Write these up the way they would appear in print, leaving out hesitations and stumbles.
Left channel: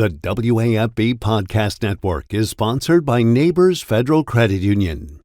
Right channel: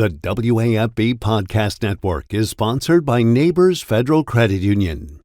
The WAFB Podcast Network is sponsored by Neighbors Federal Credit Union.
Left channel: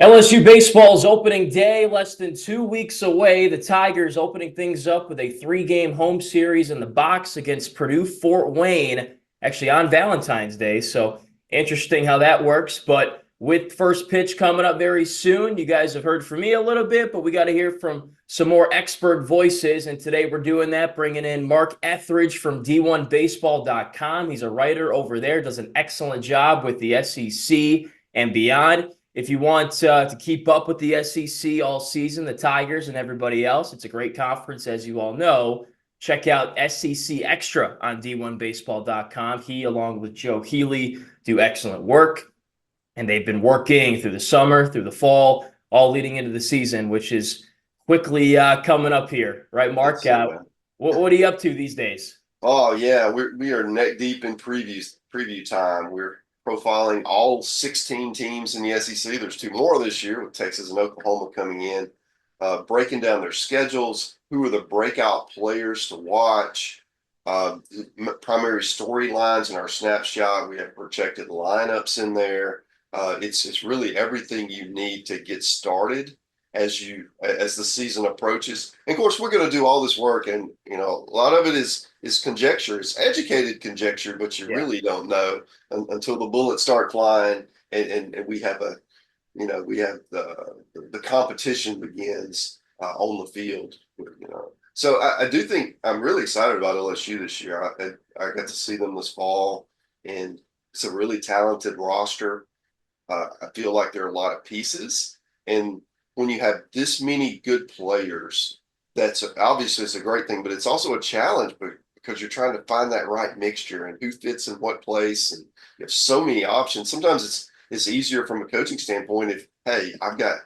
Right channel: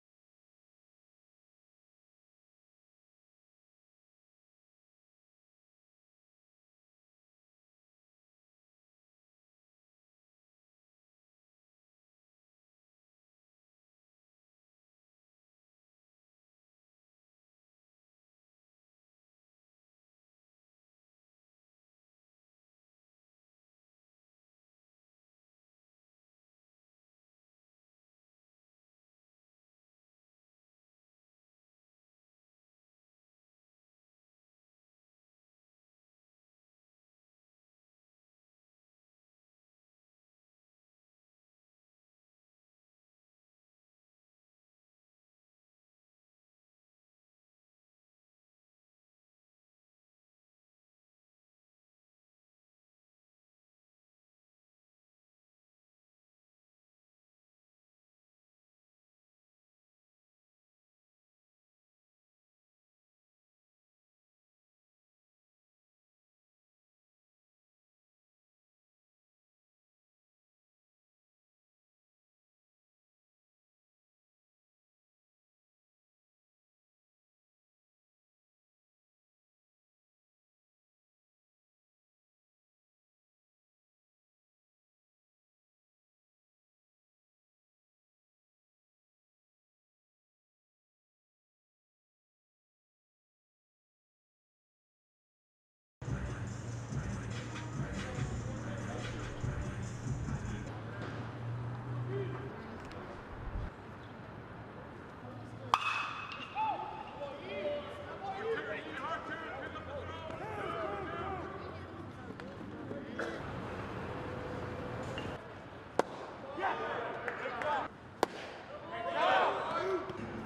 LSU Baseball's opening day, less than 2 weeks away. The Tigers opening things up with a 3-game home series in the box against Purdue Fort Wayne, actually on Valentine's Day. So interesting how that works. But with first pitch coming up very soon, you guys have heard from me a little bit, but we got to hear from some more expert voices. And today we're doing that, bringing in Mark Etheridge from D1Baseball.com. He's a writer over there, does an excellent job with the SEC and beyond. If you want to keep up with the SEC all season, the Tigers and everybody else, it's a great conference, as you all know. Check out SEC Extra on D1Baseball.com. He, along with Joe Healy, do excellent work. And they've been working through the summer, through the fall, all leading into the season, which is quickly coming up here. Right, Mark? What are you up to these days? Oh, yeah. We are neck deep in preview time. We're profiling all 16 teams in the SEC. There's 2 more this year with Texas and Oklahoma coming in, breaking down their schedules, who are the breakout players to watch, primary storylines in our snapshot. We have projected lineups in there. It's really everything you need to get started as the season approaches. And of course, we're going to do all this work, and a lot of it is conjecture. It's educated conjecture, but you really don't know until the bullets start flying, and we have the competition begins on the field. So I do think I'm really excited about LSU this year. I got to see them this fall, and it's a really talented roster. I feel like there are a lot of pieces, and when you have this many good players, that's obviously it's a great thing, but it's also a challenge because you're trying to find that right mixture and who fits in what place. And you have so many options. Sometimes it's easier from a coaching standpoint if, hey, I've got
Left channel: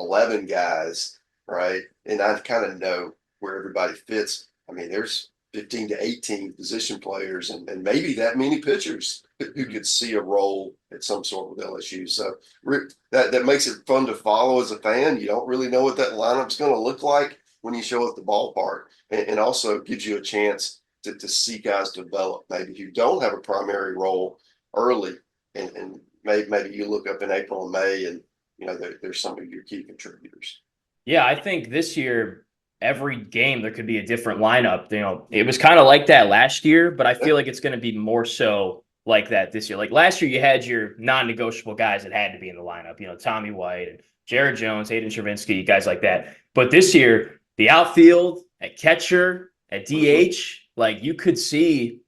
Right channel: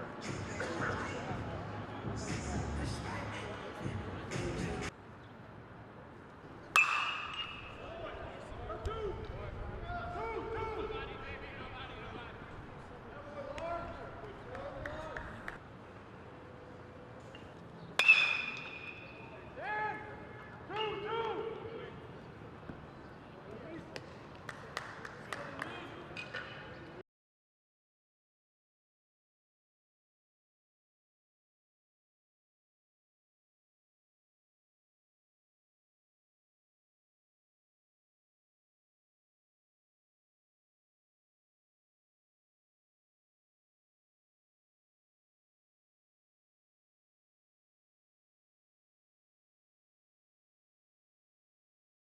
11 guys, right, and I kind of know where everybody fits. I mean, there's 15 to 18 position players and maybe that many pitchers who could see a role at some sort with LSU. So that makes it fun to follow as a fan. You don't really know what that lineup's going to look like when you show up at the ballpark, and also gives you a chance to see guys develop. Maybe you don't have a primary role early, and maybe you look up in April and May, and there's some of your key contributors. Yeah, I think this year, every game there could be a different lineup. It was kind of like that last year, but I feel like it's going to be more so like that this year. Like last year, you had your non-negotiable guys that had to be in the lineup. Tommy White and Jared Jones, Hayden Travinski, guys like that. But this year, the outfield, at catcher, at DH, like you could see,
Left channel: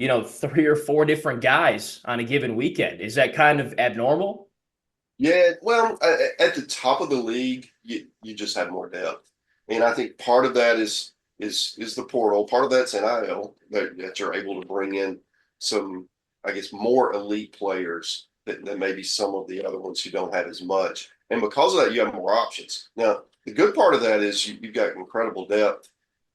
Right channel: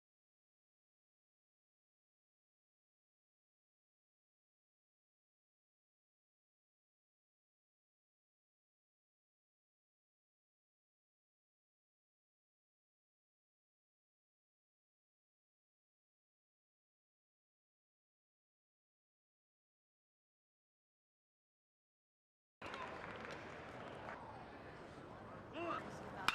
3 or 4 different guys on a given weekend. Is that kind of abnormal? Yeah, well, at the top of the league, you just have more depth. And I think part of that is the portal. Part of that's NIL that you're able to bring in some, I guess, more elite players than maybe some of the other ones who don't have as much. And because of that, you have more options. Now, the good part of that is you've got incredible depth.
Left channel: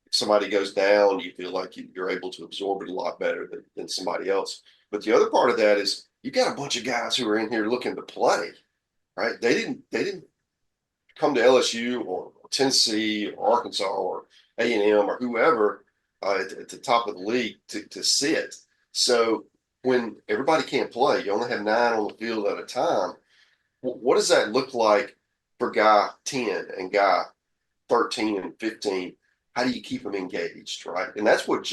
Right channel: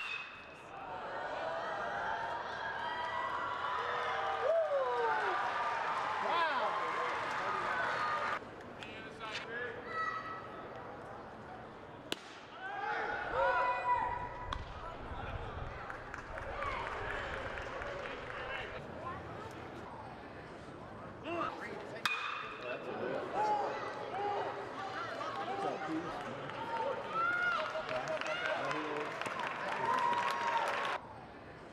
If somebody goes down, you feel like you're able to absorb it a lot better than somebody else. But the other part of that is you got a bunch of guys who are in here looking to play, right? They didn't come to LSU or Tennessee or Arkansas or A&M or whoever at the top of the league to sit. So when everybody can't play, you only have 9 on the field at a time. What does that look like for guy 10 and guy 13 and 15? How do you keep them engaged, right? And that's what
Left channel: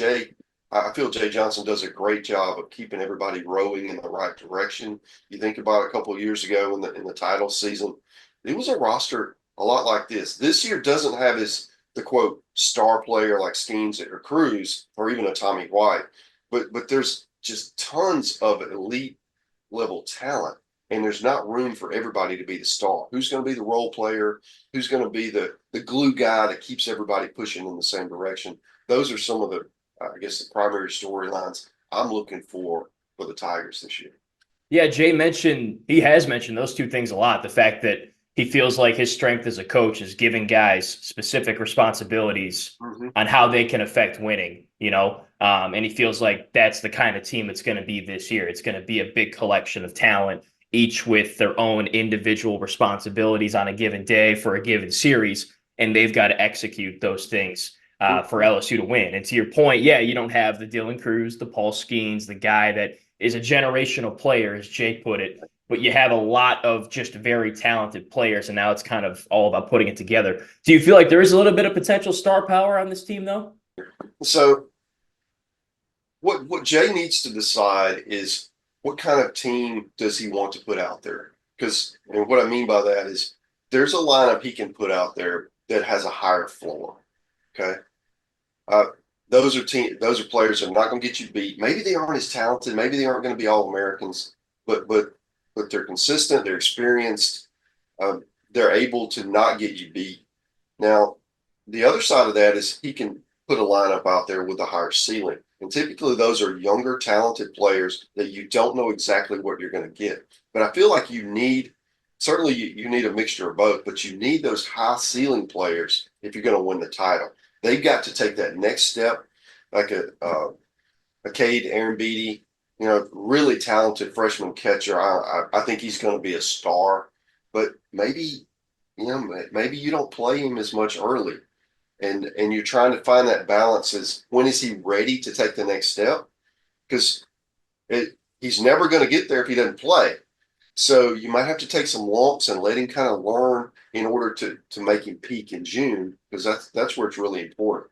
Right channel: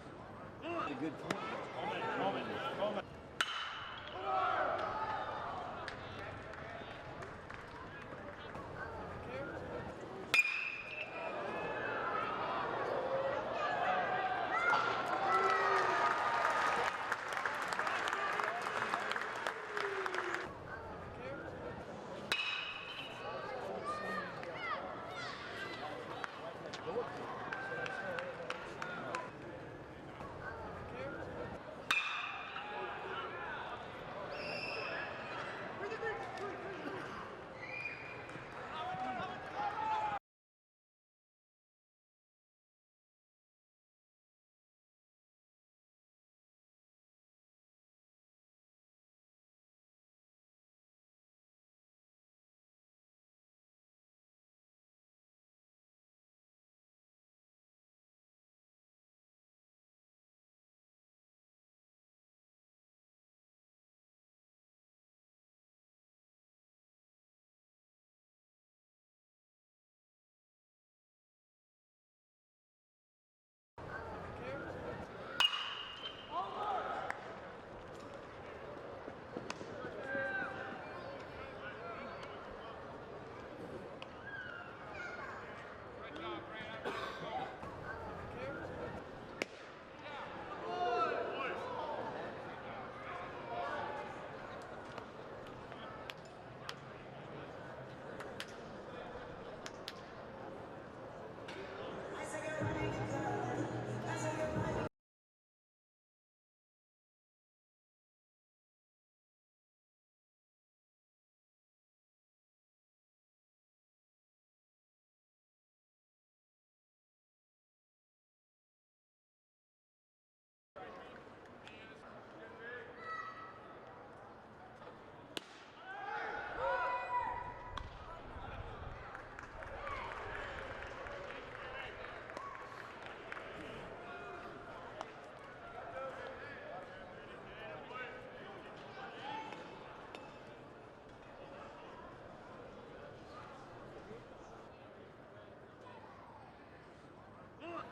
I feel Jay Johnson does a great job of keeping everybody rowing in the right direction. You think about a couple of years ago in the title season, it was a roster a lot like this. This year doesn't have the quote star player like Skeens or Cruz or even a Tommy White, but there's just tons of elite level talent, and there's not room for everybody to be the star. Who's going to be the role player? Who's going to be the glue guy that keeps everybody pushing in the same direction? Those are some of the primary storylines I'm looking for the Tigers this year. Yeah, he has mentioned those 2 things a lot. The fact that he feels like his strength as a coach is giving guys specific responsibilities on how they can affect winning, and he feels like that's the kind of team it's going to be this year. It's going to be a big collection of talent, each with their own individual responsibilities on a given day for a given series. and they've got to execute those things for LSU to win. And to your point, yeah, you don't have the Dylan Cruz, the Paul Skeens, the guy that is a generational player, as Jake put it, but you have a lot of just very talented players, and now it's kind of all about putting it together. Do you feel like there is a little bit of potential star power on this team, though? So what Jay needs to decide is what kind of team does he want to put out there? Because, and what I mean by that is there's a lineup he can put out there that has a higher floor. Okay. Uh, those are players that are not going to get you beat. Maybe they aren't as talented. Maybe they aren't going to be all Americans, but they're consistent. They're experienced. Uh, they're able to not get you beat. Now, the other side of that is he can put a lineup out there with a higher ceiling, and typically those are younger, talented players that you don't know exactly what you're going to get. But I feel like you need you need a mixture of both, but you need those high ceiling players if you're going to win the title. They've got to take that next step, like a Cade Aaron Beatty, really talented freshman catcher. I think he's going to be a star, but maybe you don't play him as much early, and you're trying to find that balance. Is when is he ready to take the next step? Because he's never going to get there if he doesn't play. So you might have to take some lumps and let him kind of learn in order to make him peak in June, because that's where it's really important.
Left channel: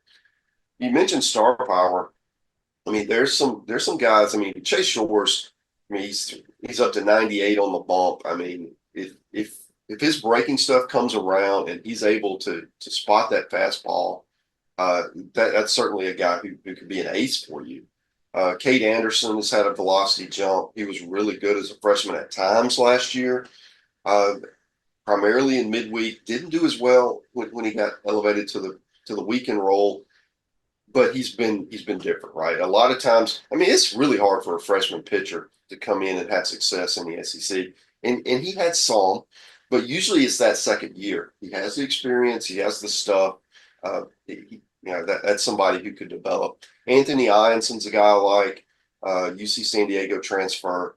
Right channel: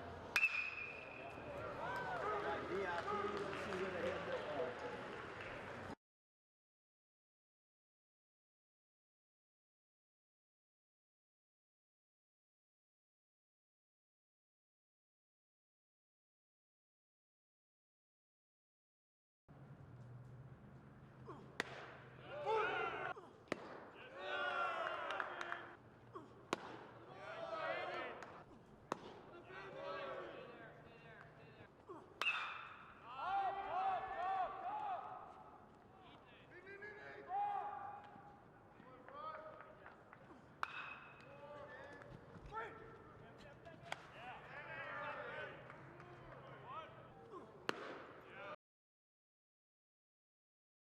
You mentioned star power. I mean, there's some guys. I mean, Chase Shores. I mean, he's up to 98 on the bump. I mean, if his breaking stuff comes around and he's able to spot that fastball, that's certainly a guy who could be an ace for you. Cade Anderson has had a velocity jump. He was really good as a freshman at times last year, primarily in midweek. Didn't do as well when he got elevated to the weekend role, but he's been different, right? A lot of times, I mean, it's really hard for a freshman pitcher to come in and have success in the SEC, and he had some, but usually it's that second year. He has the experience, he has the stuff. That's somebody who could develop. Anthony Ionson's a guy like UC San Diego transfer.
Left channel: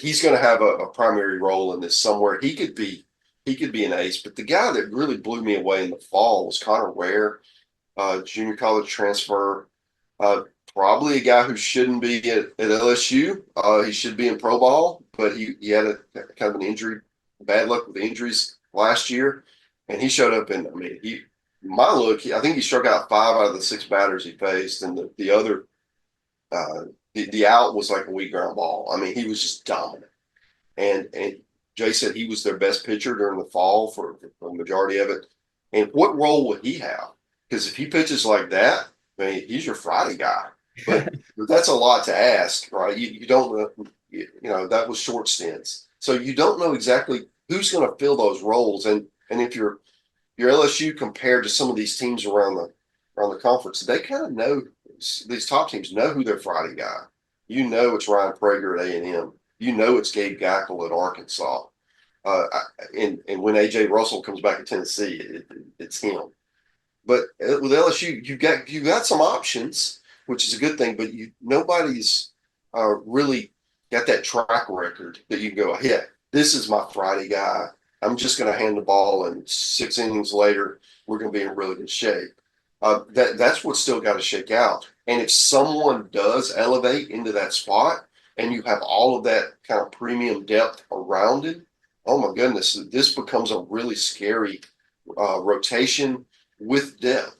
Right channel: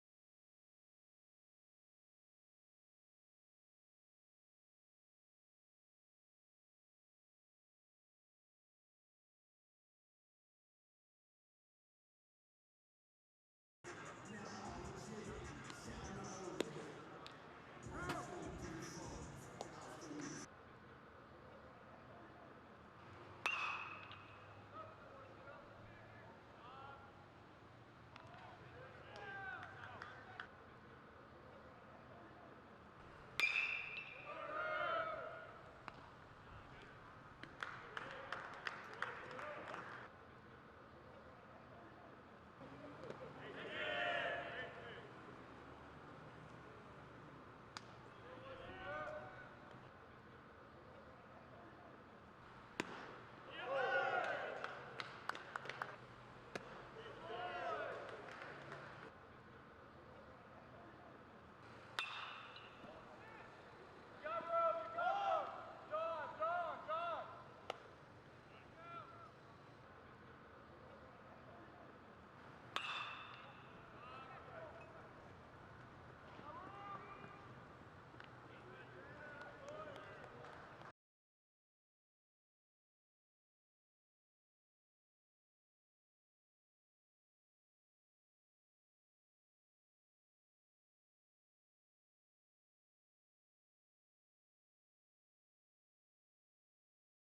He's going to have a primary role in this somewhere. He could be an ace. But the guy that really blew me away in the fall was Connor Ware, junior college transfer. Probably a guy who shouldn't be at LSU. He should be in pro ball, but he had a kind of an injury, bad luck with the injuries last year, and he showed up. And I mean, I think he struck out 5 out of the 6 batters he faced, and the other, the out was like a weak ground ball. I mean, he was just dominant. And Jay said he was their best pitcher during the fall for the majority of it. And what role would he have? Because if he pitches like that, I mean, he's your Friday guy. But that's a lot to ask, right? You don't know, that was short stints. So you don't know exactly who's going to fill those roles. And if your LSU compared to some of these teams around the conference, they kind of know, these top teams know who their Friday guy. It's Ryan Prager at A&M. It's Gabe Gackle at Arkansas. And when A.J. Russell comes back to Tennessee, it's him. But with LSU, you got some options, which is a good thing. But nobody's really got that track record that you can go, yeah, this is my Friday guy. I'm just going to hand the ball, and 6 innings later, we're going to be in really good shape. That's what's still got to shake out. And if someone does elevate into that spot, and you have all of that kind of premium depth around it, oh my goodness, this becomes a really scary rotation with depth.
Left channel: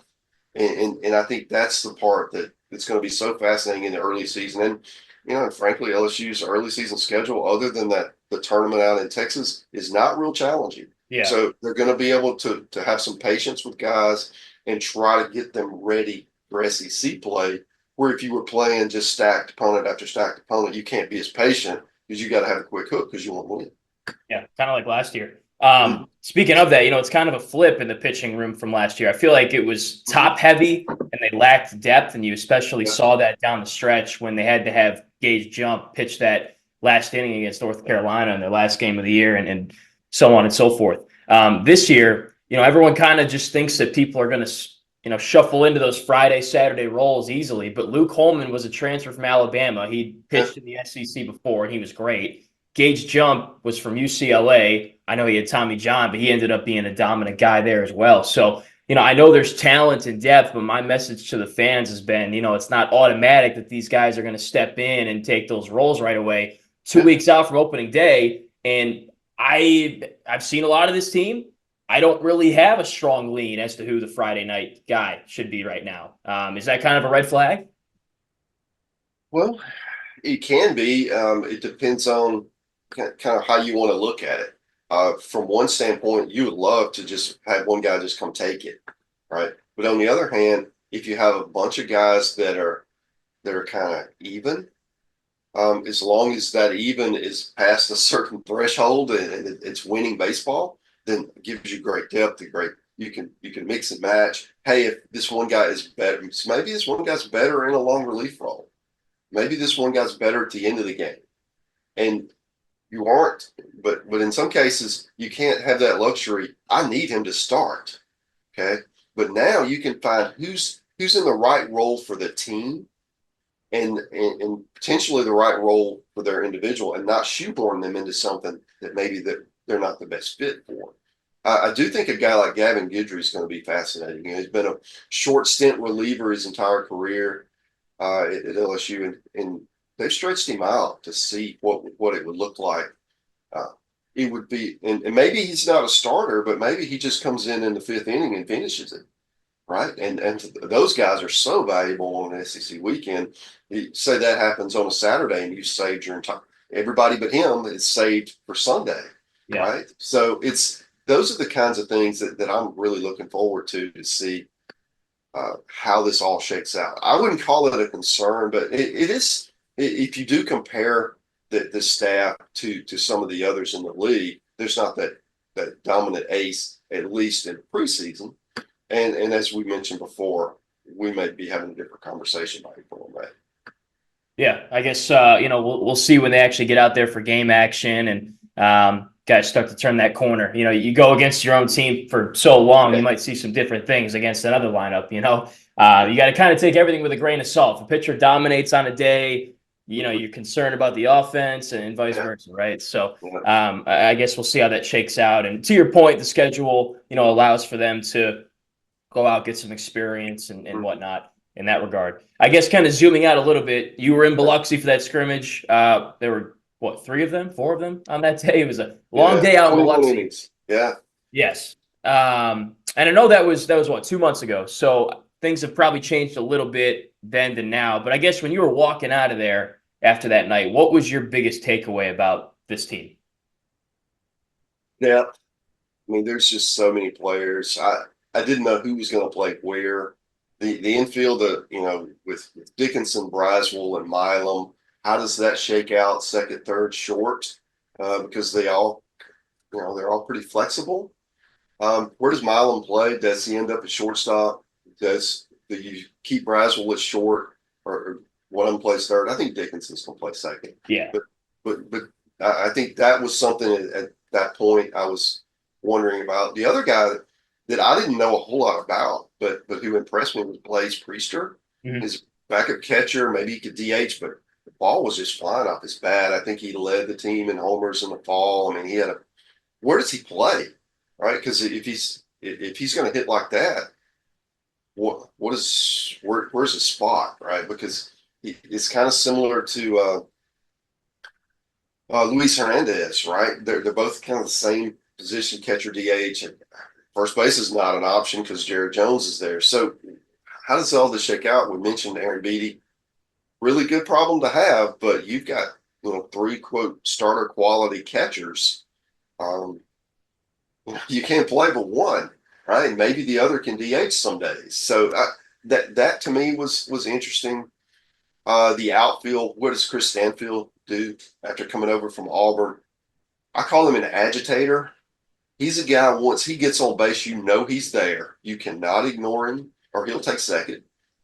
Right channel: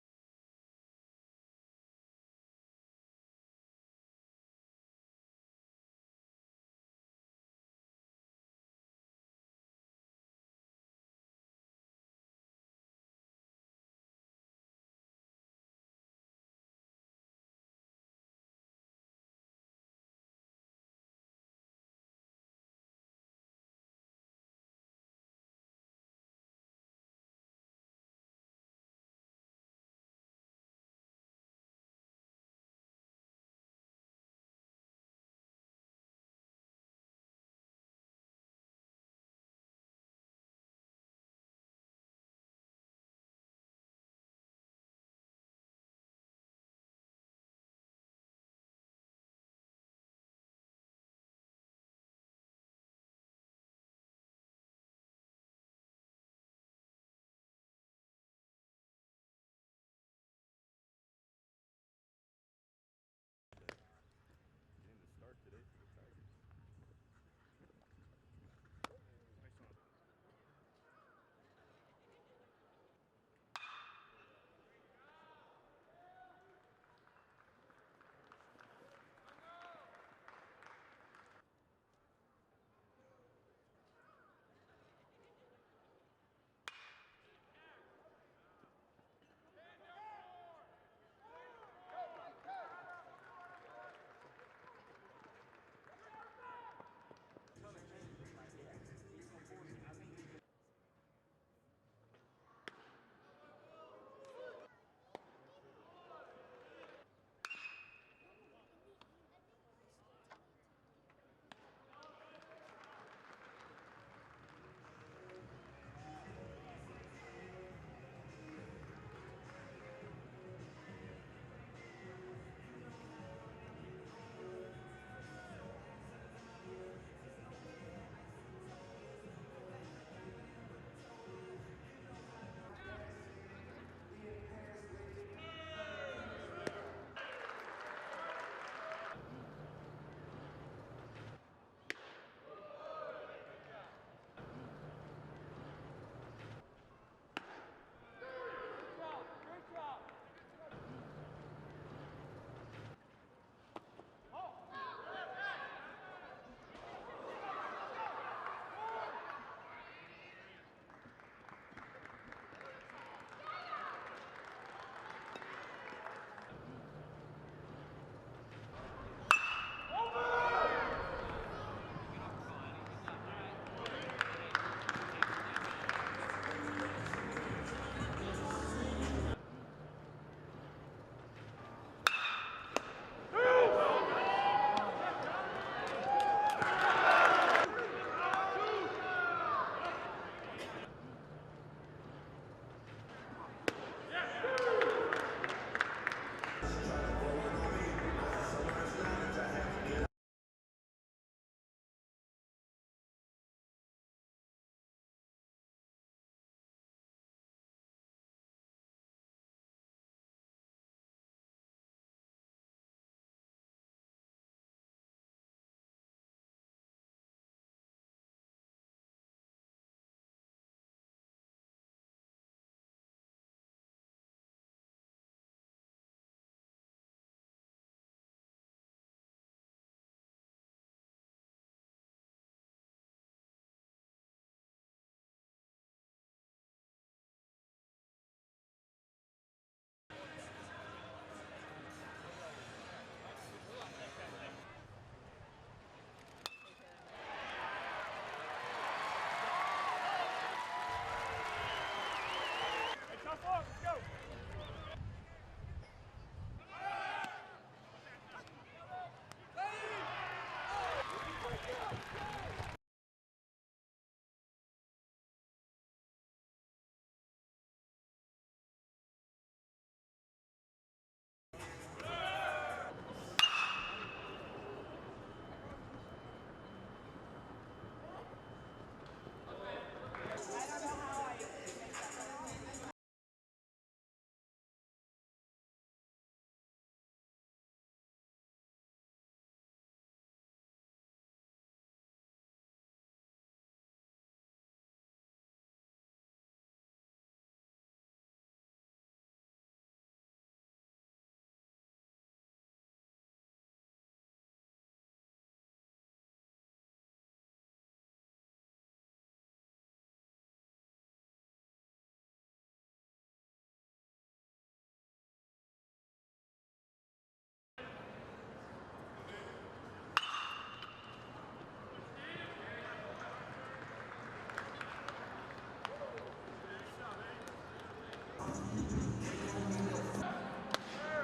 And I think that's the part that's going to be so fascinating in the early season. And frankly, LSU's early season schedule, other than the tournament out in Texas, is not real challenging. Yeah. So they're going to be able to have some patience with guys and try to get them ready for SEC play, where if you were playing just stacked opponent after stacked opponent, you can't be as patient because you got to have a quick hook because you want to win. Yeah, kind of like last year. Speaking of that, it's kind of a flip in the pitching room from last year. I feel like it was top heavy and they lacked depth, and you especially saw that down the stretch when they had to have Gage Jump pitch that last inning against North Carolina in their last game of the year, and so on and so forth. This year, everyone kind of just thinks that people are going to shuffle into those Friday, Saturday roles easily. But Luke Holman was a transfer from Alabama. He pitched in the SEC before, and he was great. Gage Jump was from UCLA. I know he had Tommy John, but he ended up being a dominant guy there as well. So I know there's talent and depth, but my message to the fans has been, it's not automatic that these guys are going to step in and take those roles right away. 2 weeks out from opening day, and I've seen a lot of this team. I don't really have a strong lean as to who the Friday night guy should be right now. Is that kind of a red flag? Well, it can be. It depends on kind of how you want to look at it. From one standpoint, you would love to just have one guy just come take it, right? But on the other hand, if you have a bunch of guys that are kind of even, as long as that even is past a certain threshold and it's winning baseball, then it gives you great depth and great. You can mix and match. Hey, if this one guy is better, maybe this one guy's better in a long relief role. Maybe this one guy's better at the end of the game, and you aren't. But in some cases, you can't have that luxury. I need him to start. Okay, but now you can find who's in the right role for the team, and potentially the right role for their individual, and not shoehorn them into something that maybe that they're not the best fit for. I do think a guy like Gavin Guidry is going to be fascinating. He's been a short stint reliever his entire career at LSU, and they've stretched him out to see what it would look like. It would be, and maybe he's not a starter, but maybe he just comes in the fifth inning and finishes it, right? And those guys are so valuable on an SEC weekend. You say that happens on a Saturday, and you saved your entire. Everybody but him is saved for Sunday, right? So those are the kinds of things that I'm really looking forward to see how this all shakes out. I wouldn't call it a concern, but it is. If you do compare the staff to some of the others in the league, there's not that dominant ace, at least in preseason. And as we mentioned before, we may be having a different conversation about it on that. Yeah, I guess we'll see when they actually get out there for game action and guys start to turn that corner. You go against your own team for so long, you might see some different things against another lineup. You got to kind of take everything with a grain of salt. If a pitcher dominates on a day, you're concerned about the offense and vice versa, right? So I guess we'll see how that shakes out. And to your point, the schedule allows for them to go out, get some experience and whatnot in that regard. I guess kind of zooming out a little bit, you were in Biloxi for that scrimmage. There were, four of them on that day? It was a long day out in Biloxi. Yeah. Yes. And I know that was 2 months ago. So things have probably changed a little bit then to now. But I guess when you were walking out of there after that night, what was your biggest takeaway about this team? Yeah. I mean, there's just so many players. I didn't know who was going to play where. The infield, with Dickinson, Braswell, and Milam, how does that shake out second, third, short? Because they're all pretty flexible. Where does Milam play? Does he end up at shortstop? Do you keep Braswell at short, or one of them plays third? I think Dickinson's going to play second. Yeah. But I think that was something at that point I was wondering about. The other guy that I didn't know a whole lot about, but who impressed me was Blaze Priester. His backup catcher, maybe he could DH, but the ball was just flying off his bat. I think he led the team in homers in the fall. I mean, where does he play, right? Because if he's going to hit like that, where's his spot, right? Because it's kind of similar to Luis Hernandez, right? They're both kind of the same position, catcher, DH, and first base is not an option because Jared Jones is there. So how does all this shake out? We mentioned Aaron Beatty. Really good problem to have, but you've got three quote starter quality catchers. You can't play but one, right? Maybe the other can DH some days. So that to me was interesting. The outfield. What does Chris Stanfield do after coming over from Auburn? I call him an agitator. He's a guy, once he gets on base, he's there. You cannot ignore him, or he'll take second.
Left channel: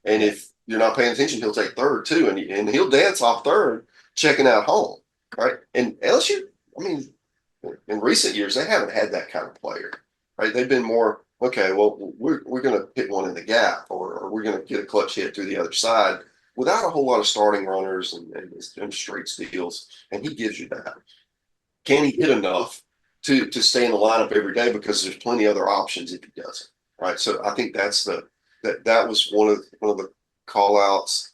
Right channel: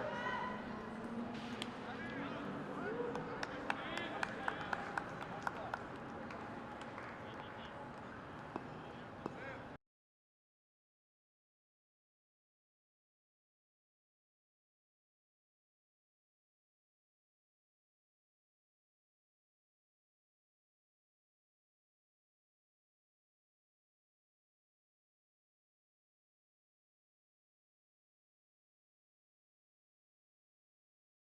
And if you're not paying attention, he'll take third too. And he'll dance off third, checking out home, right? And LSU, I mean, in recent years, they haven't had that kind of player, right? They've been more, okay, well, we're going to hit one in the gap, or we're going to get a clutch hit through the other side without a whole lot of starting runners and straight steals. And he gives you that. Can he hit enough to stay in the lineup every day, because there's plenty other options if he doesn't, right? So I think that was one of the call outs.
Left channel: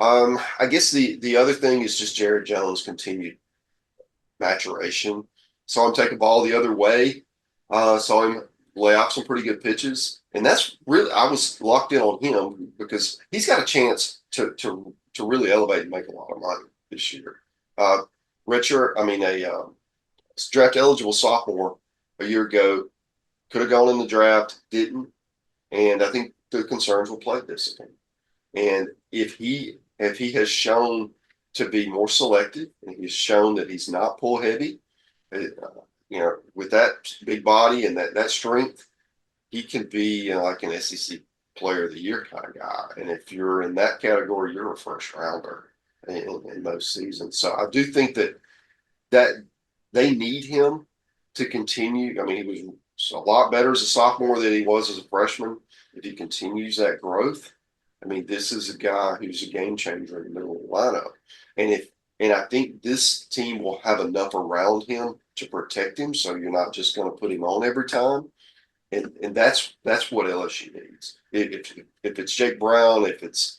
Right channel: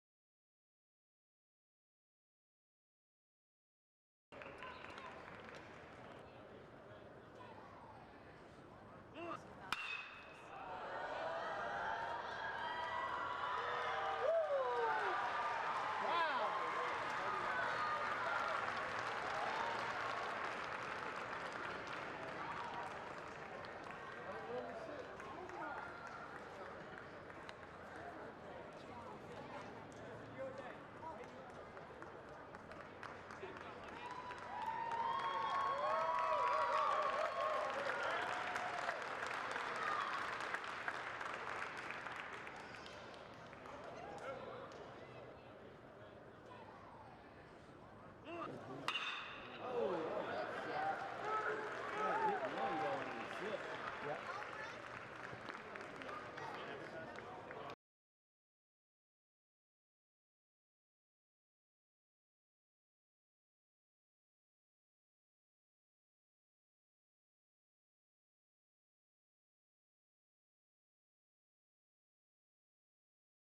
I guess the other thing is just Jared Jones' continued maturation. Saw him take a ball the other way. Saw him lay off some pretty good pitches, and that's really I was locked in on him because he's got a chance to really elevate and make a lot of money this year. Uh, Richard, I mean a draft eligible sophomore a year ago, could have gone in the draft, didn't, and I think the concerns were play discipline. And if he has shown to be more selective, and he's shown that he's not pull heavy, uh, with that big body and that strength, he can be like an SEC Player of the Year kind of guy. And if you're in that category, you're a first rounder in most seasons. So I do think that they need him to continue. I mean, he was a lot better as a sophomore than he was as a freshman. If he continues that growth, I mean, this is a guy who's a game changer in the middle of the lineup. And I think this team will have enough around him to protect him, so you're not just going to put him on every time. And that's what LSU needs. If it's Jake Brown, if it's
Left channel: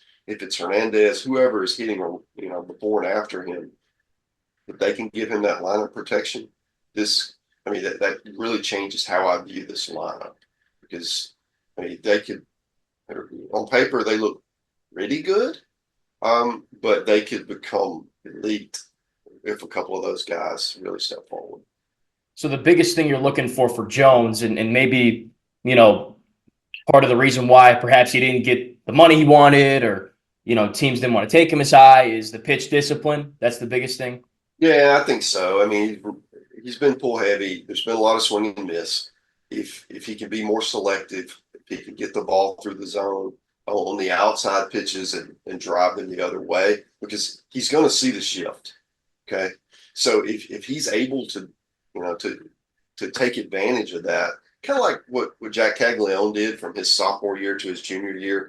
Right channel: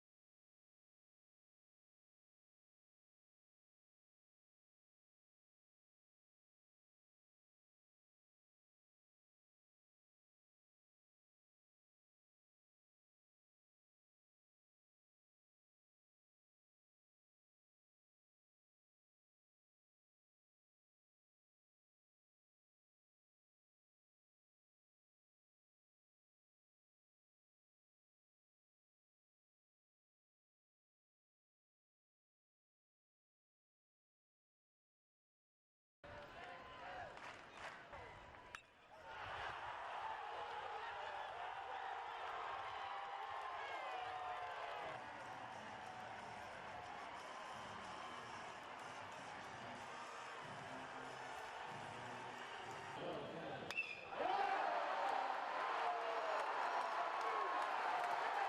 Hernandez, whoever is hitting before and after him, if they can give him that lineup protection, that really changes how I view this lineup. Because I mean, they could, on paper, they look pretty good, but they could become elite if a couple of those guys really step forward. So the biggest thing you're looking for Jones, and maybe, part of the reason why perhaps he didn't get the money he wanted, or, teams didn't want to take him as high, is the pitch discipline. That's the biggest thing. Yeah, I think so. I mean, he's been pull heavy. There's been a lot of swing and miss. If he can be more selective, if he can get the ball through the zone on the outside pitches and drive them the other way, because he's going to see the shift. Okay. So if he's able to, to take advantage of that, kind of like what Jack Caglione did from his sophomore year to his junior year,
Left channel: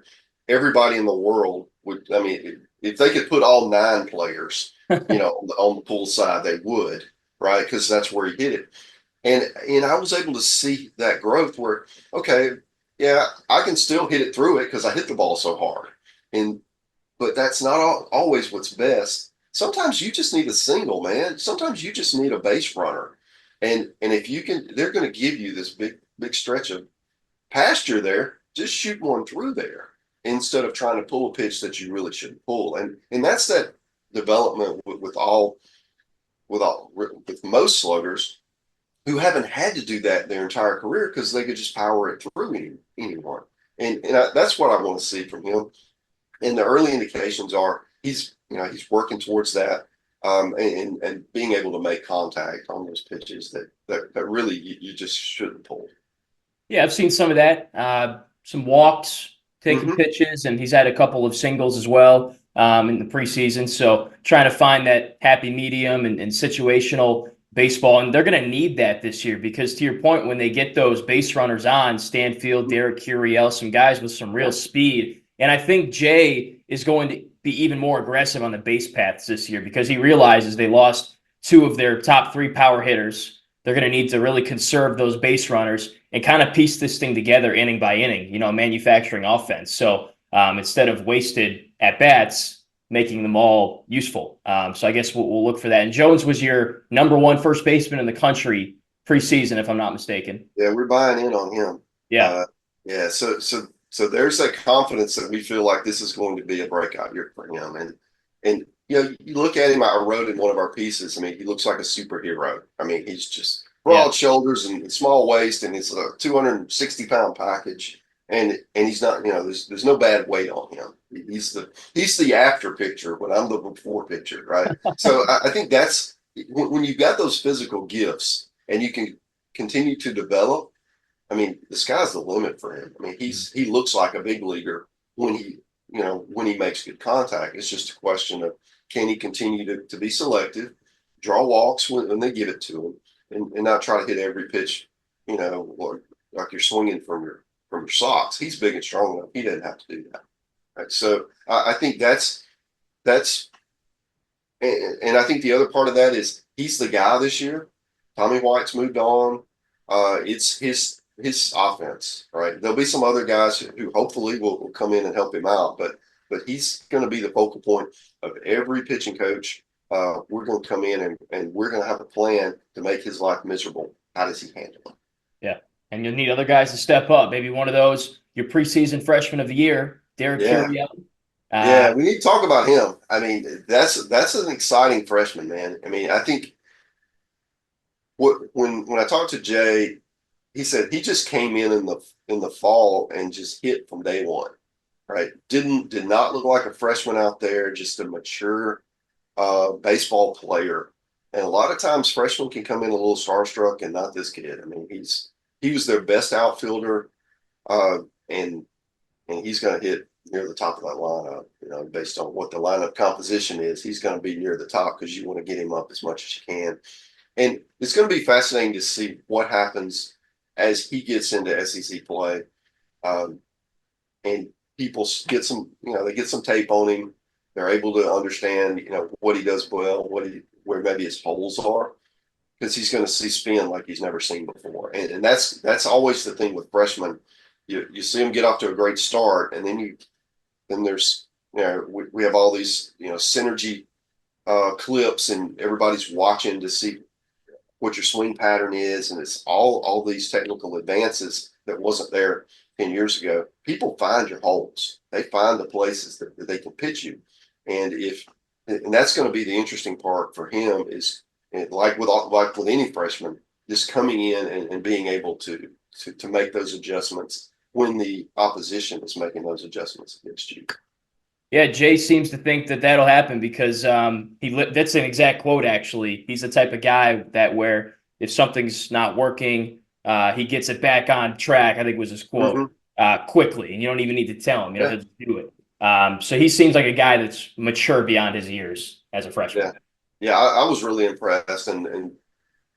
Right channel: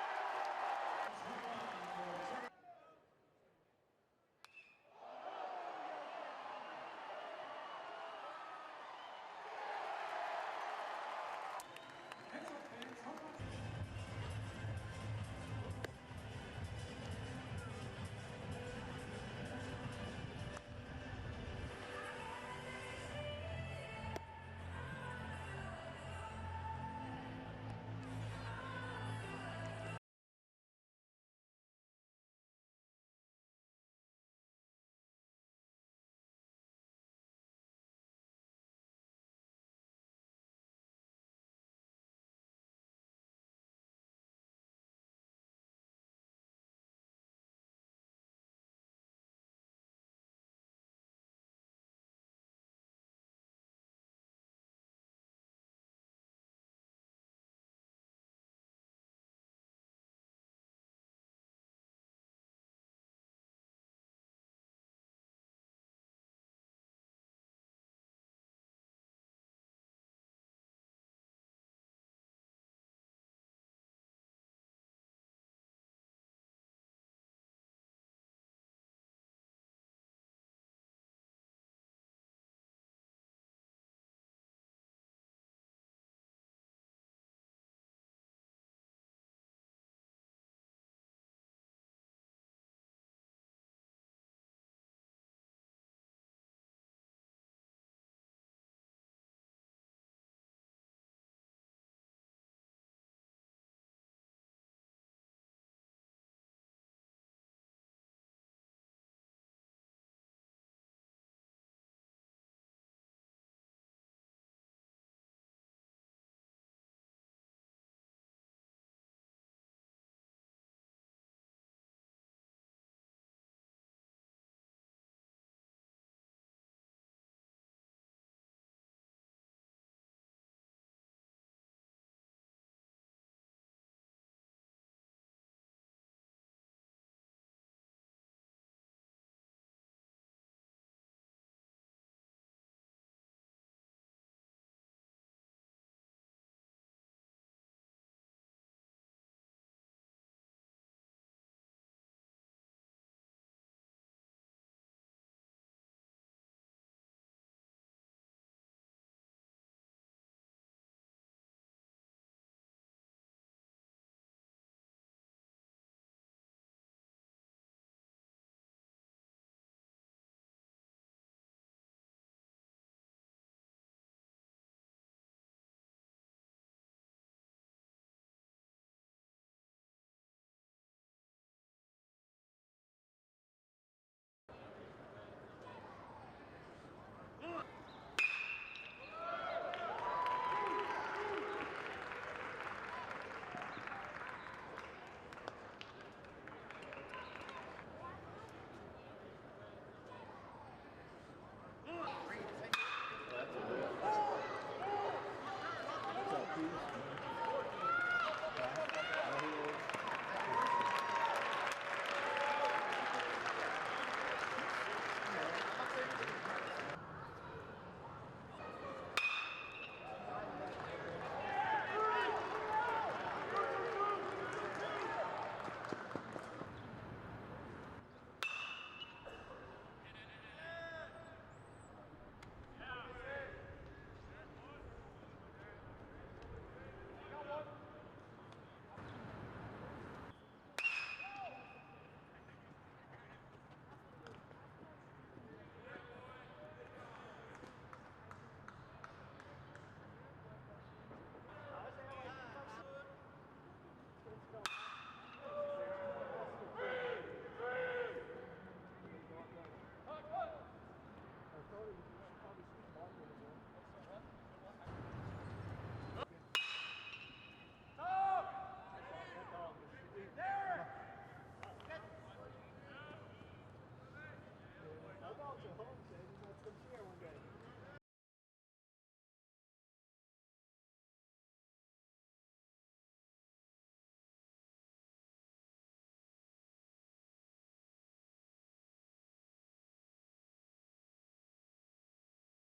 everybody in the world would, I mean, if they could put all 9 players, on the pull side, they would, right? Because that's where he hit it. And I was able to see that growth where, okay, yeah, I can still hit it through it because I hit the ball so hard. But that's not always what's best. Sometimes you just need a single, man. Sometimes you just need a base runner. And if you can, they're going to give you this big stretch of pasture there. Just shoot one through there instead of trying to pull a pitch that you really shouldn't pull. And that's that development with most sluggers who haven't had to do that their entire career because they could just power it through anyone. That's what I want to see from him. And the early indications are he's working towards that, and being able to make contact on those pitches that really you just shouldn't pull. Yeah, I've seen some of that. Some walks, taking pitches, and he's had a couple of singles as well in the preseason. So trying to find that happy medium and situational baseball. And they're going to need that this year because, to your point, when they get those base runners on, Stanfield, Derek Curiel, some guys with some real speed. And I think Jay is going to be even more aggressive on the base paths this year because he realizes they lost 2 of their top 3 power hitters. They're going to need to really conserve those base runners and kind of piece this thing together inning by inning, manufacturing offense. So instead of wasted at-bats, making them all useful. So I guess we'll look for that. And Jones was your #1 first baseman in the country preseason, if I'm not mistaken. Yeah, we're buying in on him. Yeah. Yeah. So there's that confidence that we feel like this is going to be a breakout year for him. And you look at him, I wrote in one of our pieces, I mean, he looks like a superhero. I mean, he's just broad shoulders and small waist, and it's a 260-pound package. And he's not, there's no bad weight on him. He's the after picture when I'm the before picture, right? So I think that's when you've got those physical gifts and you can continue to develop. I mean, the sky's the limit for him. I mean, he looks like a big leaguer when he makes good contact. It's just a question of can he continue to be selective, draw walks when they give it to him, and not try to hit every pitch, like you're swinging from your socks. He's big and strong enough. He doesn't have to do that. Right. So I think that's, and I think the other part of that is he's the guy this year. Tommy White's moved on. It's his offense, right? There'll be some other guys who hopefully will come in and help him out, but he's going to be the focal point of every pitching coach. We're going to come in and we're going to have a plan to make his life miserable. How does he handle it? Yeah. And you'll need other guys to step up. Maybe one of those, your preseason freshman of the year, Derek Yeah. Curiel. Yeah, we need to talk about him. I mean, that's an exciting freshman, man. I mean, I think when I talked to Jay, he said he just came in the fall and just hit from day one, right? Did not look like a freshman out there, just a mature baseball player. And a lot of times freshmen can come in a little starstruck, and not this kid. I mean, he was their best outfielder, and he's going to hit near the top of that lineup. You know, based on what the lineup composition is, he's going to be near the top because you want to get him up as much as you can. And it's going to be fascinating to see what happens as he gets into SEC play. And people get some, they get some tape on him. They're able to understand, what he does well, where maybe his holes are, because he's going to see spin like he's never seen before. And that's always the thing with freshmen. You see them get off to a great start, and then there's, we have all these, synergy clips, and everybody's watching to see what your swing pattern is, and it's all these technical advances that wasn't there 10 years ago. People find your holes. They find the places that they can pitch you. And that's going to be the interesting part for him is, like with any freshman, just coming in and being able to make those adjustments when the opposition is making those adjustments against you. Yeah, Jay seems to think that that'll happen because that's an exact quote, actually. He's the type of guy that where if something's not working, he gets it back on track, I think was his quote, quickly. And you don't even need to tell him, he'll just do it. So he seems like a guy that's mature beyond his years as a freshman. Yeah, I was really impressed. And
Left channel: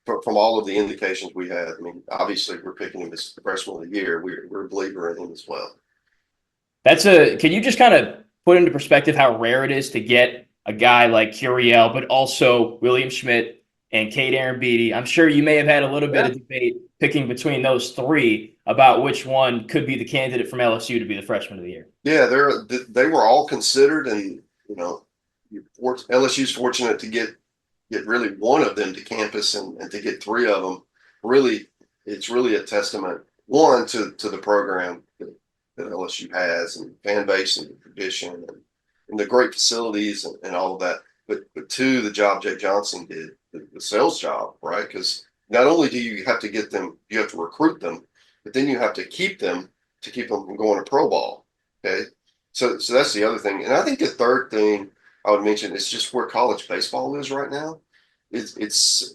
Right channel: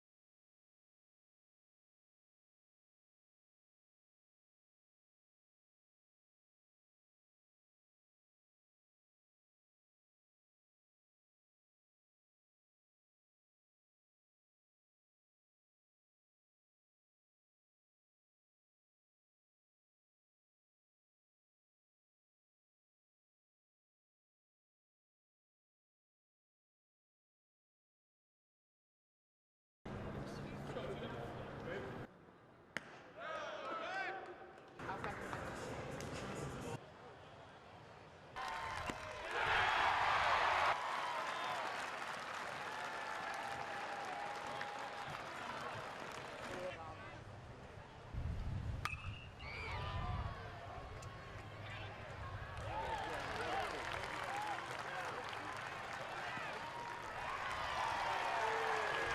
from all of the indications we had, I mean, obviously we're picking him as freshman of the year. We're a believer in him as well. Can you just kind of put into perspective how rare it is to get a guy like Curiel, but also William Schmidt and Cade Aaron-Beatty? I'm sure you may have had a little bit of debate picking between those three about which one could be the candidate from LSU to be the freshman of the year. Yeah, they were all considered, and LSU's fortunate to get really one of them to campus, and to get three of them. Really, it's really a testament, one, to the program that LSU has, and fan base, and tradition, and the great facilities, and all of that. But two, the job Jake Johnson did, the sales job, right? Because not only do you have to get them, you have to recruit them, but then you have to keep them from going to pro ball. Okay, so that's the other thing. And I think the third thing I would mention is just where college baseball is right now. It's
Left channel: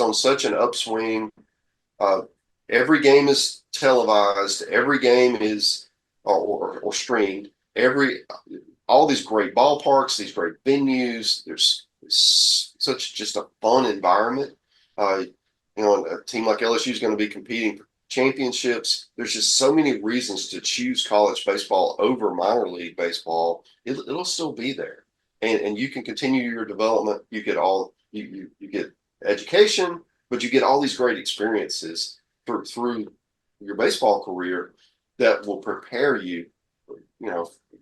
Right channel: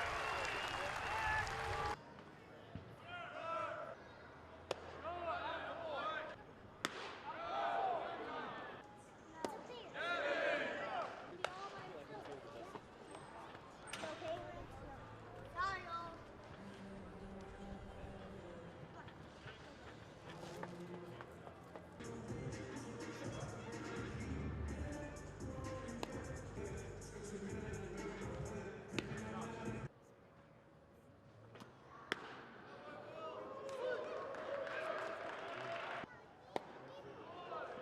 on such an upswing. Every game is televised. Every game is or streamed. All these great ballparks, these great venues. There's such just a fun environment. A team like LSU is going to be competing for championships. There's just so many reasons to choose college baseball over minor league baseball. It'll still be there, and you can continue your development. You get you get education, but you get all these great experiences through your baseball career that will prepare you,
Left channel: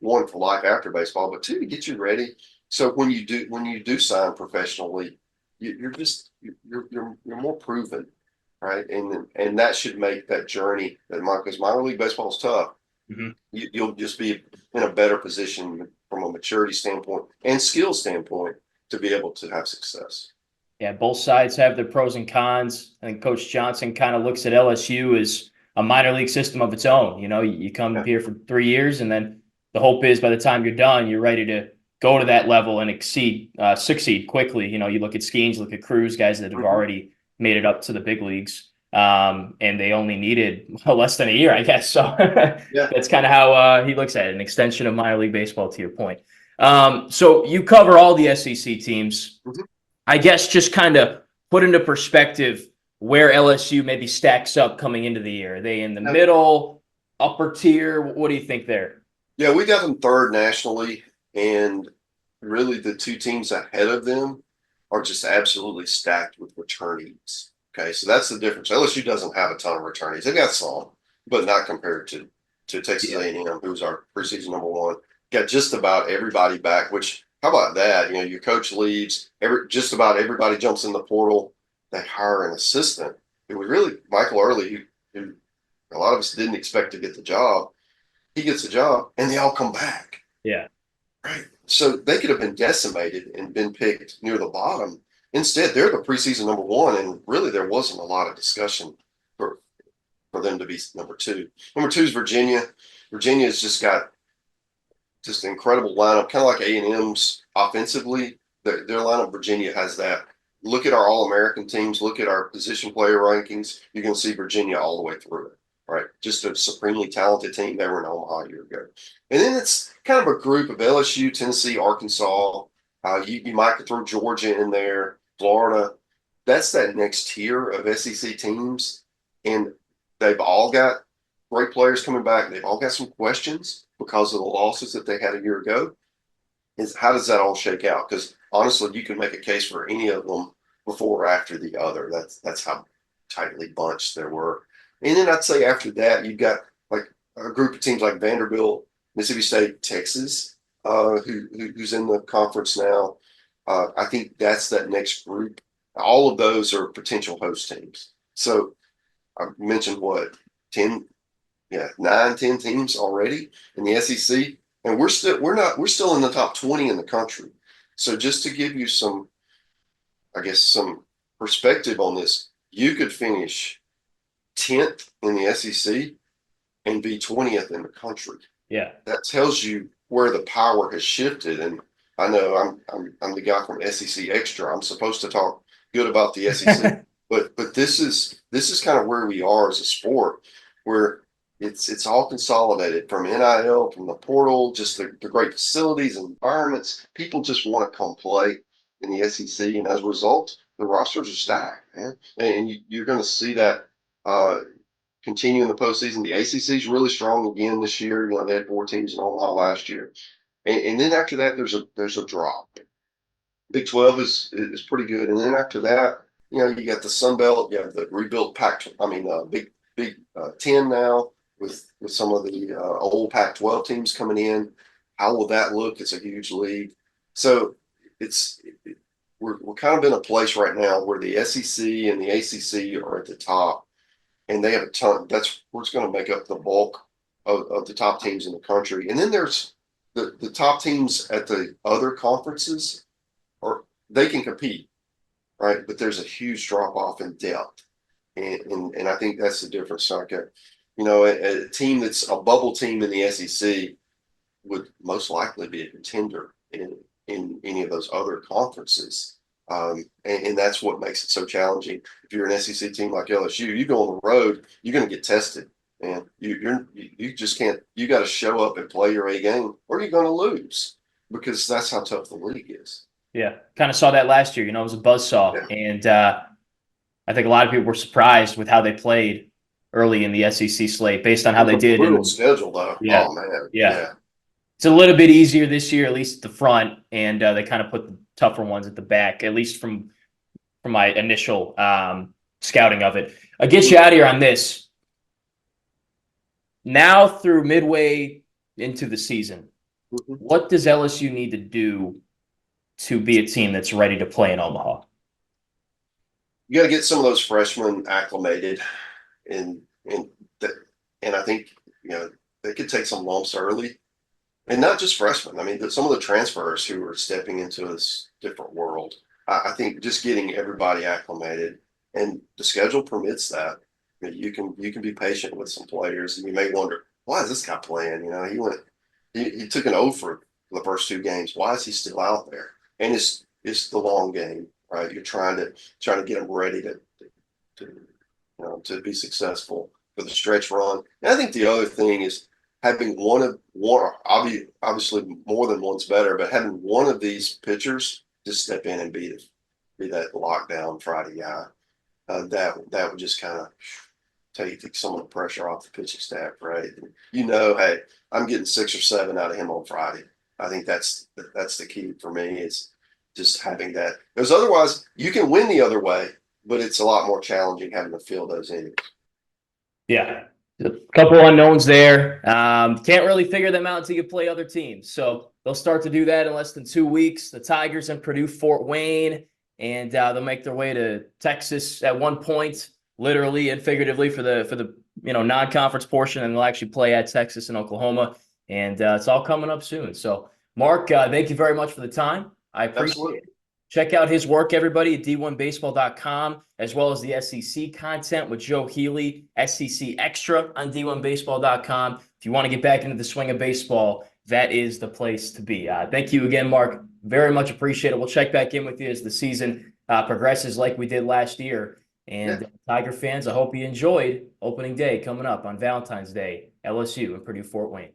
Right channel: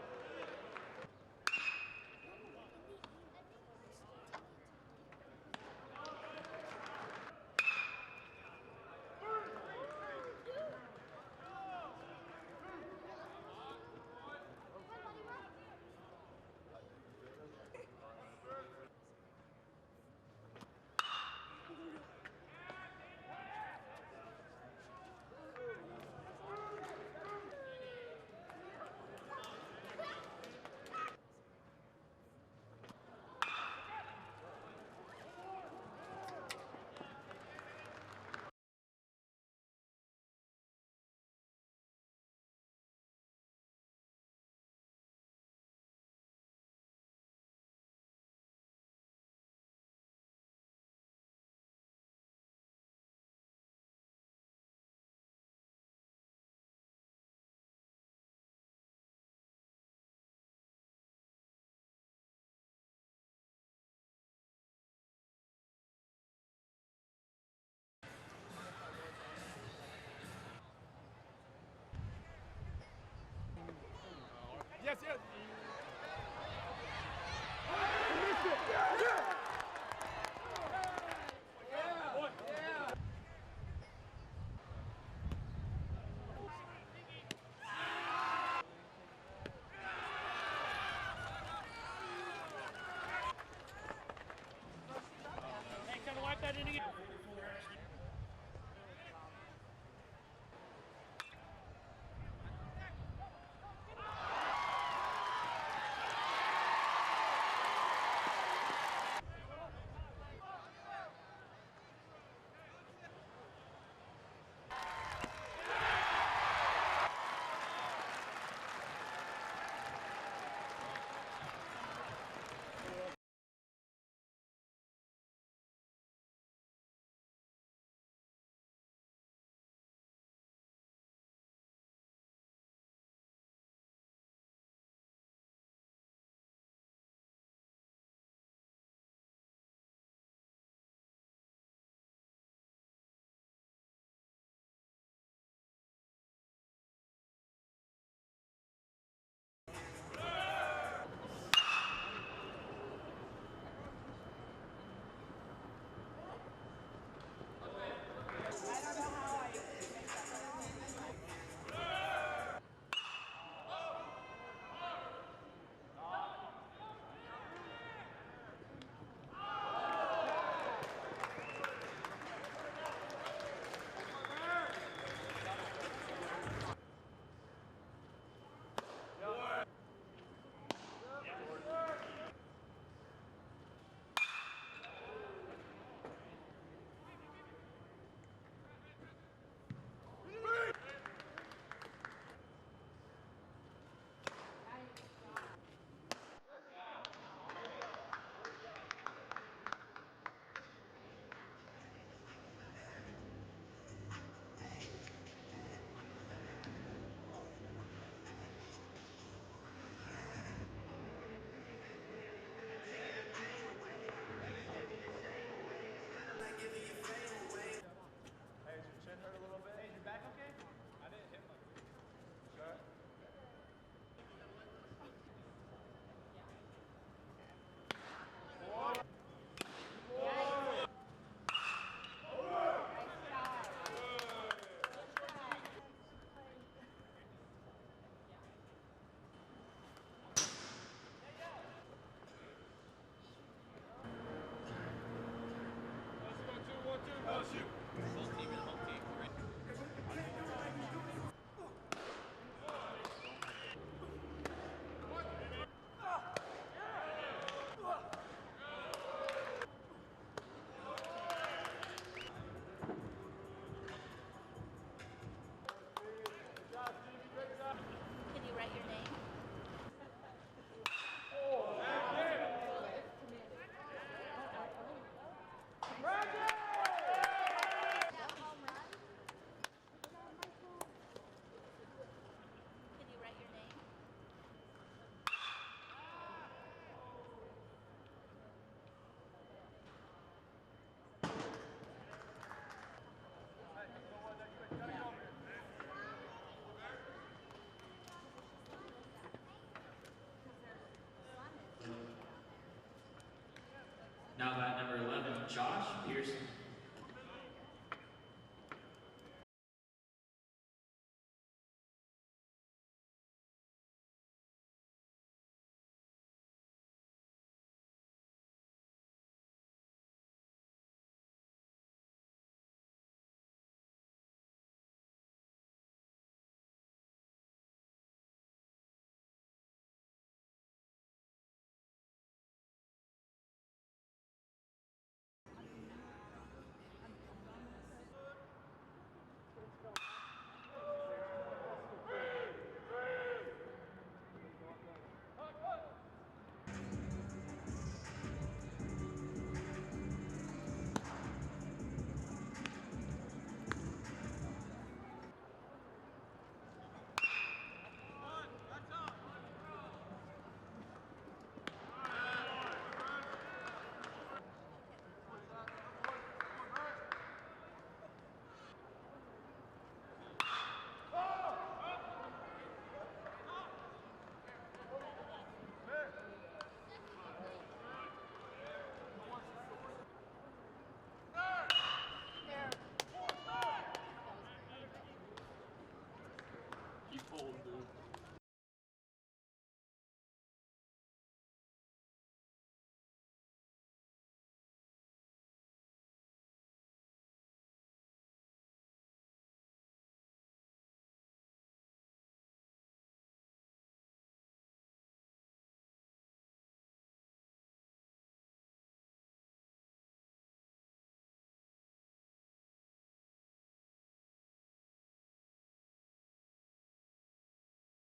one, for life after baseball, but two, to get you ready. So when you do sign professionally, you're more proven, right? And that should make that journey, because minor league baseball is tough. Mm-hmm. You'll just be in a better position from a maturity standpoint and skill standpoint to be able to have success. Yeah, both sides have their pros and cons. I think Coach Johnson kind of looks at LSU as a minor league system of its own. You come here for 3 years, and then the hope is by the time you're done, you're ready to go to that level and succeed quickly. You look at Skeens, look at Cruz, guys that have already made it up to the big leagues, and they only needed less than a year, I guess. So that's kind of how he looks at it, an extension of minor league baseball, to your point. So you cover all the SEC teams. Mm-hmm. I guess just kind of put into perspective where LSU maybe stacks up coming into the year. Are they in the middle, upper tier? What do you think there? Yeah, we got them third nationally, and really the two teams ahead of them are just absolutely stacked with returnees. Okay, so that's the difference. LSU doesn't have a ton of returnees. They've got some, but not compared to Texas A&M, who's our preseason #1. Got just about everybody back. Which, how about that? You know, your coach leaves. Just about everybody jumps in the portal. They hire an assistant. It was really Michael Early, who a lot of us didn't expect to get the job. He gets the job, and they all come back. Yeah. Right. So they could have been decimated and been picked near the bottom. Instead, they're the preseason #1, and really there wasn't a lot of discussion for them to be #2. #2 is Virginia. Virginia's just got just an incredible lineup, kind of like A&M's offensively. Their lineup, Virginia has that. Look at our All-American teams. Look at our position player rankings. You're going to see Virginia all the way through. Right, just a supremely talented team. They were in Omaha a year ago. And then it's kind of a group of LSU, Tennessee, Arkansas. You might throw Georgia in there, Florida. That's that next tier of SEC teams. And they've all got great players coming back. They've all got some questions because of the losses that they had a year ago. Is how does that all shake out? Because honestly, you can make a case for any of them before or after the other. That's how tightly bunched there were. And then I'd say after that, you've got like a group of teams like Vanderbilt, Mississippi State, Texas, who's in the conference now. I think that's that next group. All of those are potential host teams. So I mentioned what 10, yeah, 9, 10 teams already in the SEC, and we're still in the top 20 in the country. So just to give you some, I guess, some perspective on this, you could finish 10th in the SEC and be 20th in the country. Yeah. That tells you where the power has shifted. And I know I'm the guy from SEC Extra. I'm supposed to talk good about the SEC, but this is kind of where we are as a sport, where it's all consolidated from NIL, from the portal, just the great facilities and environments. People just want to come play in the SEC, and as a result, the rosters are stacked, man. And you're going to see that continue in the postseason. The ACC is really strong again this year. You know, they had 4 teams in Omaha last year, and then after that, there's a drop. Big 12 is pretty good, and then after that, you know, you got the Sun Belt, you have the rebuilt Pac. I mean, Big 10 now with some of the old Pac-12 teams coming in. How will that look? It's a huge league, so it's we're kind of in a place right now where the SEC and the ACC are at the top, and they have a ton. That's what's going to make up the bulk of the top teams in the country. And then there's the top teams at the other conferences, or they can compete, right? But there's a huge drop off in depth, and I think that's the difference. Like you know, a team that's a bubble team in the SEC would most likely be a contender in any of those other conferences. And that's what makes it so challenging. If you're an SEC team like LSU, you go on the road, you're going to get tested, and you just can't. You got to show up and play your A game, or you're going to lose, because that's how tough the league is. Yeah. Kind of saw that last year. You know, it was a buzzsaw. Yeah. And I think a lot of people were surprised with how they played early in the SEC slate based on how they did. Brutal schedule, though. Yeah. Oh, man. Yeah. It's a little bit easier this year, at least at the front, and they kind of put the tougher ones at the back, at least from my initial scouting of it. I'll get you out of here on this. Now through midway into the season, what does LSU need to do to be a team that's ready to play in Omaha? You got to get some of those freshmen acclimated, and and that, and I think, you know, they could take some lumps early, and not just freshmen. I mean, some of the transfers who are stepping into this different world. I think just getting everybody acclimated, and the schedule permits that. I mean, you can be patient with some players, and you may wonder, why is this guy playing? You know, he took an O for the first 2 games. Why is he still out there? And it's the long game, right? You're trying to get them ready to to be successful for the stretch run. And I think the other thing is having one, obviously more than one's better, but having one of these pitchers just step in and be that lockdown Friday guy. That would just kind of take some of the pressure off the pitching staff, right? You know, hey, I'm getting 6 or 7 out of him on Friday. I think that's the key for me, is just having that, because otherwise you can win the other way, but it's a lot more challenging having to fill those innings. Yeah, a couple unknowns there. Can't really figure them out until you play other teams. So they'll start to do that in less than 2 weeks. The Tigers and Purdue, Fort Wayne, and they'll make their way to Texas at one point, literally and figuratively for the non-conference portion, and they'll actually play at Texas and Oklahoma, and it's all coming up soon. So Mark, thank you very much for the time. I appreciate it. Check out his work, everybody, at d1baseball.com, as well as the SEC content with Joe Healy, SEC Extra on d1baseball.com. If you want to get back into the swing of baseball, that is the place to be. Thank you again, Mark. Very much appreciate it. We'll check back in with you as the season progresses like we did last year. And Tiger fans, I hope you enjoyed opening day coming up on Valentine's Day, LSU and Purdue Fort Wayne.